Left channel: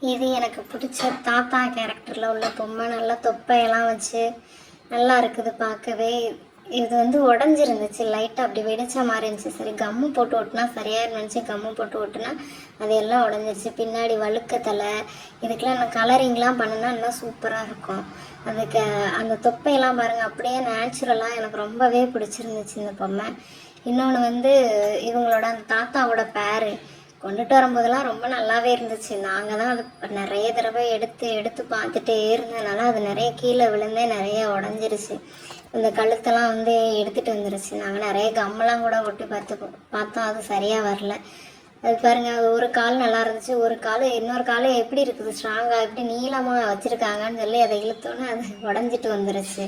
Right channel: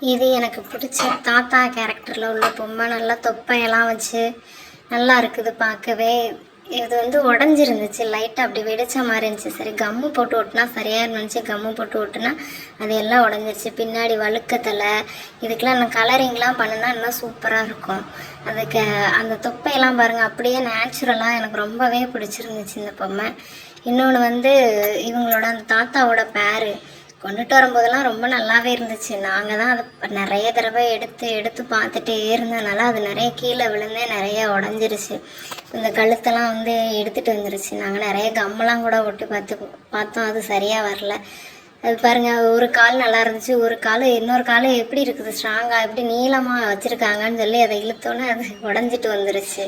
இது எனக்கு பிடிச்ச தாத்தா கேரக்டரில் உள்ள பொம்மை. நல்லா தொப்பையெல்லாம் வச்சு நல்லா இருக்குது பார்க்கவே. இது வந்து உடஞ்சிருந்துச்சு. லைட்டாக அப்படி வெடிச்ச மாதிரி இருந்துச்சு. சரி கம்மு போட்டு ஓட்டினா சரியாக இருந்துச்சு கம்மு போட்டு ஓட்டுனா அது எல்லாம் உடஞ்சிருச்சு. பின்னாடி வழுக்கத்தலை இதுக்கெலாம் நான் கலரிங்லாம் பண்ணுனா இன்னும் சூப்பராக இருக்கும். அதுக்கு அந்த தொப்பையெல்லாம் பாருங்கள் அப்படியே நேச்சுரலாக எனக்கு ரொம்பவே பிடிச்சிருந்துச்சு இந்த பொம்மை. இன்னொன்று வந்து இவங்களோட அந்த தாத்தாவோட பேரு. கொண்டுட்டு வரும்போதெல்லாம் ரொம்ப நல்லாவே இருந்துச்சு. நாங்கள் தான் அதை நிறைய தடவை எடுத்து எடுத்து பார்த்துட்டே இருந்ததுனால அது நிறைய கீழே விழுந்தே நிறைய உடஞ்சிருச்சு. இந்த கழுத்தெல்லாம் வந்து எடுத்துகிட்டு வந்துருச்சு. நாங்கள் நிறைய கம்மெல்லாம் கூட ஒட்டி பார்த்து பார்த்தோம். அது சரியாக வரல. அது பாருங்கள் ஒரு கால் நல்லா இருந்துச்சு. ஒரு கால் இன்னொரு கால் எப்படி இருக்குது? ஸ்ட்ராங்காக எப்படி நீளமாக வச்சுருக்காங்கன்னு சொல்லி அதை இழுத்தோன்னே அது உடஞ்சிட்டு வந்துருச்சு.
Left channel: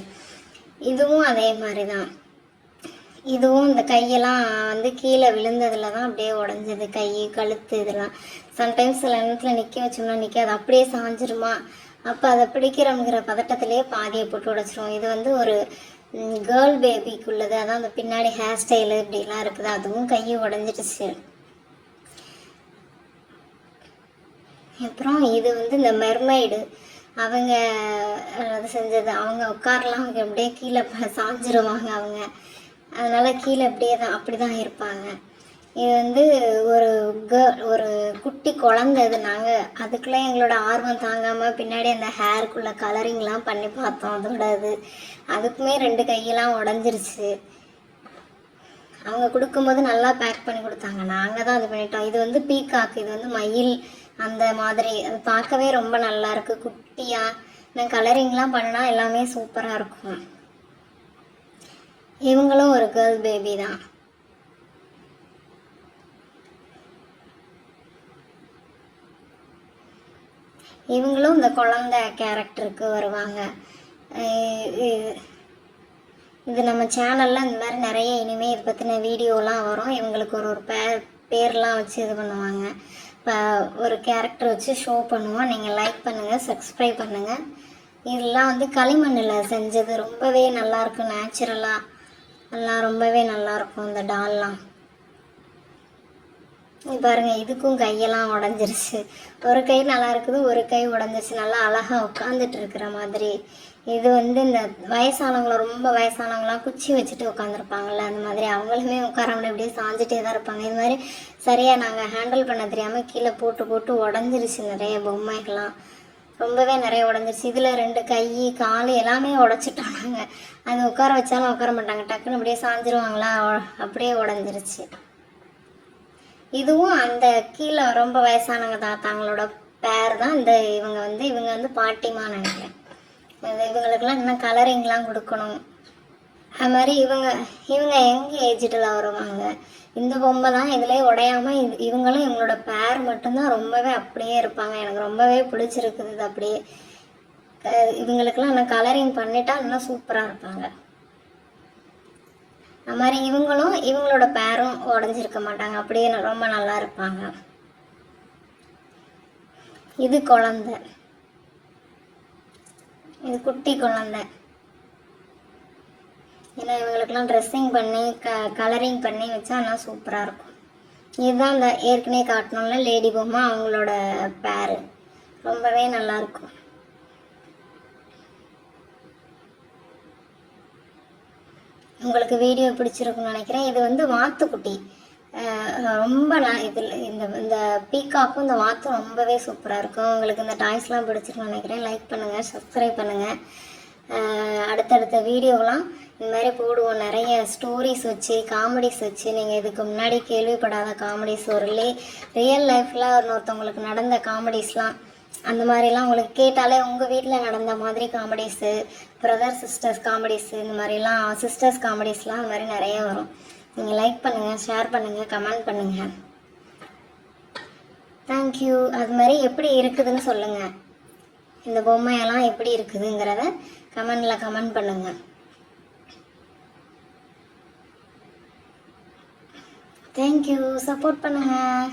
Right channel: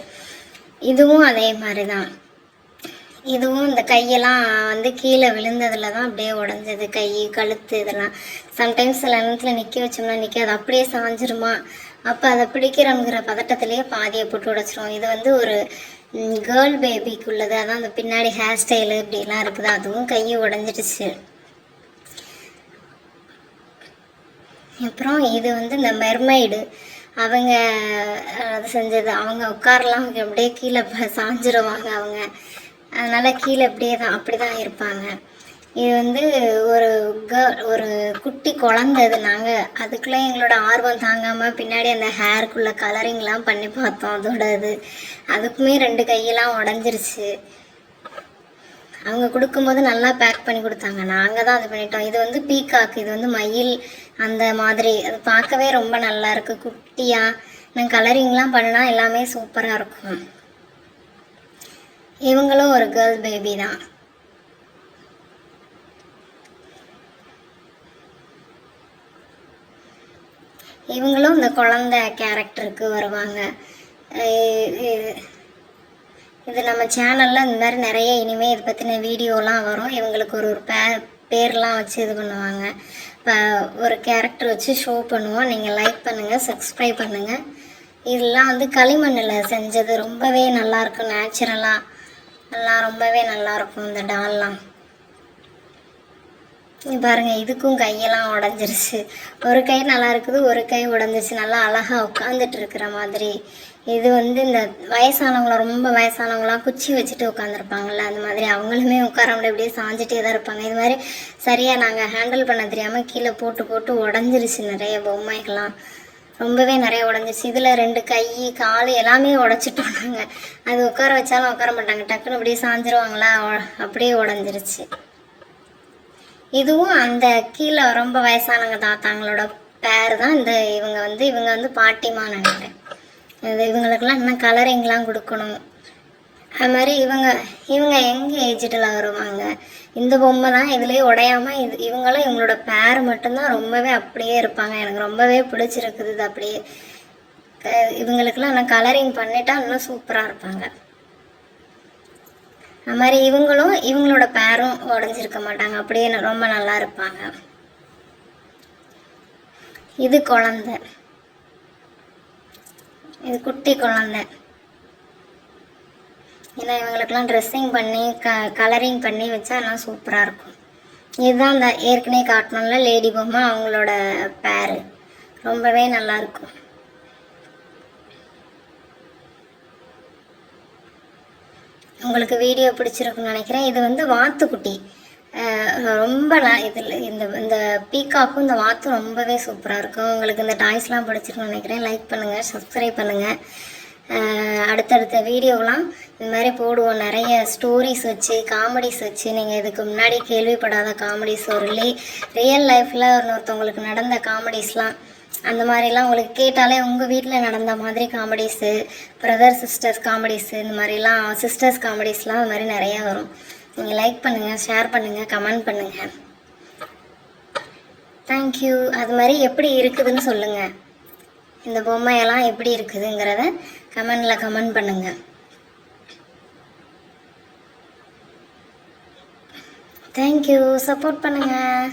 இதுவும் அதே மாதிரி தான். இதுவும் இந்த கையெல்லாம் வந்து கீழே விழுந்ததுல தான் அப்படியே உடஞ்சது கை கழுத்து இதெல்லாம். சம்டைம்ஸ் சில நேரத்தில் நிற்க வச்சோம்னா நிற்காது அப்படியே சாஞ்சிருமா? அப்போ அதை பிடிக்கிறோங்கிற பதட்டத்திலேயே பாதியை போட்டு உடைச்சிரும் இது வந்து ஒரு கேர்ள் பேபிக்கு உள்ளது அதான் அந்த பின்னாடி ஹேர் ஸ்டைலு இப்படிலாம் இருக்குது. அதுவும் கையை உடஞ்சிடுச்சு. அப்புறம் இது வந்து இந்த மெர்மைடு அவங்க அது செஞ்சது. அவங்க உட்காரலாம் அவங்க அப்படியே கீழே சாஞ்சிருவாங்க அவங்க. அதனால் கீழே அப்படியே தான் அப்படி தான் இருப்பாங்க. இது வந்து ஒரு கேர்ள் ஒரு குட்டி குழந்தை அது நாங்கள் அதுக்குள்ளே எங்களோட ஆர்வம் தாங்காமல் பின்னாடி அந்த ஹேருக்குள்ளே கலரிங்லாம் பண்ணி பார்த்தோம் அதோட இது. அதுக்குமே ரெண்டு கையெல்லாம் உடஞ்சிருச்சு. அவங்க கொடுக்கும்போது நல்லா பேக் பண்ணி கொடுத்தாங்க. நாங்கள் தான் அது பண்ணிட்டோம். இது வந்து பீகாக் இது வந்து மயில் அந்த மாதிரி. அது பார்க்கவே ரொம்ப நல்லா இருக்குது குட்டியாக நான் கலரிங்லாம் பண்ணால் எல்லாமே சூப்பராக இருக்கும். இவங்களும் ஒரு கேர்ள் பேபி தான். இவங்களும் இந்த குழந்தை கேரக்டருக்கு வருவாங்க. இது இது நம்ம சேனலில் இந்த மாதிரி நிறைய இனிமேல் இதை பற்றின வீடியோலாம் வரும். இவங்களுக்கு ஒரு ஒரு பே பேர்லாம் வச்சு இது பண்ணுவாங்க. இப்போ ஒரு கேரக்டர் வச்சு ஷோ பண்ணுவோம். நீங்கள் லைக் பண்ணுங்கள் சப்ஸ்கிரைப் பண்ணுங்கள் இதெல்லாம் வந்து களிமண்ணில் செஞ்சது ரொம்பவே நல்லாயிருக்கும் நேச்சுரலாக எல்லாம் ரொம்பவே நல்லாயிருக்கும் இந்த டால்லாம். பாருங்கள் பாருங்க இதுக்கும் கையெல்லாம் உடஞ்சிருச்சு. ஒரு கை நல்லா இருக்குது ஒரு கை உடஞ்சிருச்சு. நல்லா அழகாக உட்காந்துட்டு இருக்கிற மாதிரி. இது வந்து இந்த வயசானவங்கள ரொம்ப வயசானவங்களாம் குச்சி வச்சுட்டு உட்காந்துருப்பாங்கல்ல அந்த மாதிரி அவங்களுமே உட்காரமுடியா அப்படியே சாஞ்சிட்டே தான் இருப்பாங்க. இது மாதிரி சரியாக நாங்கள் ஹேண்டில் பண்ண தெரியாமல் கீழே போட்டு போட்டு உடஞ்சிருச்சு நிறைய பொம்மைகள்லாம். ரொம்பவே நிறைய உடஞ்சிருச்சு. இதில் ரெண்டு கை கால் எல்லாமே உடச்சிட்டோம் நாங்கள் அது உட்கார வச்சாலும் உட்கார மாட்டாங்க. டக்குன்னு அப்படியே சாஞ்சிருவாங்களா? அப்படியே உடஞ்சிருச்சு. இதுவும் அந்த கீழே ரொம்ப வயசானவங்க தாத்தாங்களோட பேர் தான் இந்த இவங்க வந்து இவங்க வந்து பாட்டிமா நினைக்கிறேன். அது இவங்களுக்கெல்லாம் இன்னும் கலரிங்லாம் கொடுக்கணும். அது மாதிரி இவங்க இவங்க எங்கே ஏஜ்டில் வருவாங்க? இந்த பொம்மை தான் இதுலேயே உடையாமல் இது இவங்களும் இவங்களோட பேர் மட்டும்தான் ரொம்பவே அப்படியே இருப்பாங்க. எனக்கு ரொம்பவே பிடிச்சிருக்குது இது அப்படியே. க- இவங்களுக்கெல்லாம் இன்னும் கலரிங் பண்ணிட்டா இன்னும் சூப்பராக இருப்பாங்க. அது மாதிரி இவங்களும் இவங்களோட பேரும் உடஞ்சிருக்க மாட்டாங்க. அப்படியே ரொம்ப நல்லா இருப்பாங்க. இது குழந்தை. இது குட்டி குழந்தை. ஏன்னா இவங்களுக்கெல்லாம் ட்ரெஸ்ஸிங் பண்ணி க கலரிங் பண்ணி வச்சா எல்லாம் சூப்பராக இருக்கும். இதுதான் அந்த ஏற்கனவே காட்டணும்ல லேடி பொம்மை அவங்களோட பேரு. ரொம்பவே நல்லா இருக்கும். உங்களுக்கு வீடியோ பிடிச்சிருக்குன்னு நினைக்கிறேன். இது வந்து வாத்துக்குட்டி. ரொம்ப ந- இதில் இந்த இந்த பீகாக்கும் இந்த வாத்தும் ரொம்பவே சூப்பராக இருக்கும். உங்களுக்கு இந்த டாய்ஸ்லாம் பிடிச்சிருக்குன்னு நினைக்கிறேன். லைக் பண்ணுங்கள் சப்ஸ்கிரைப் பண்ணுங்கள் அடுத்தடுத்த வீடியோலாம் இந்த மாதிரி போடுவோம். நிறைய ஸ்டோரிஸ் வச்சு காமெடிஸ் வச்சு. நீங்கள் இதுக்கு முன்னாடி கேள்விப்படாத காமெடிஸ் ஒரு லே ரியல் லைஃப்பில் ஒருத்தவங்களுக்கு நடந்த காமெடிஸ்லாம் அந்த மாதிரிலாம் உங்களுக்கு கேட்டாலே உங்கள் வீட்டில் நடந்த மாதிரி காமெடிஸு பிரதர் சிஸ்டர்ஸ் காமெடிஸு இந்த மாதிரிலாம் சிஸ்டர்ஸ் காமெடிஸ்லாம் அது மாதிரி நிறைய வரும். நீங்கள் லைக் பண்ணுங்கள் ஷேர் பண்ணுங்கள் கமெண்ட் பண்ணுங்கள் தேங்க்யூ அது மாதிரி எப்படி இருக்குதுன்னு சொல்லுங்கள் இந்த பொம்மையெல்லாம் எப்படி இருக்குதுங்கிறத கமெண்டில் கமெண்ட் பண்ணுங்கள் தேங்க்யூ சப்போர்ட் பண்ணுங்கள்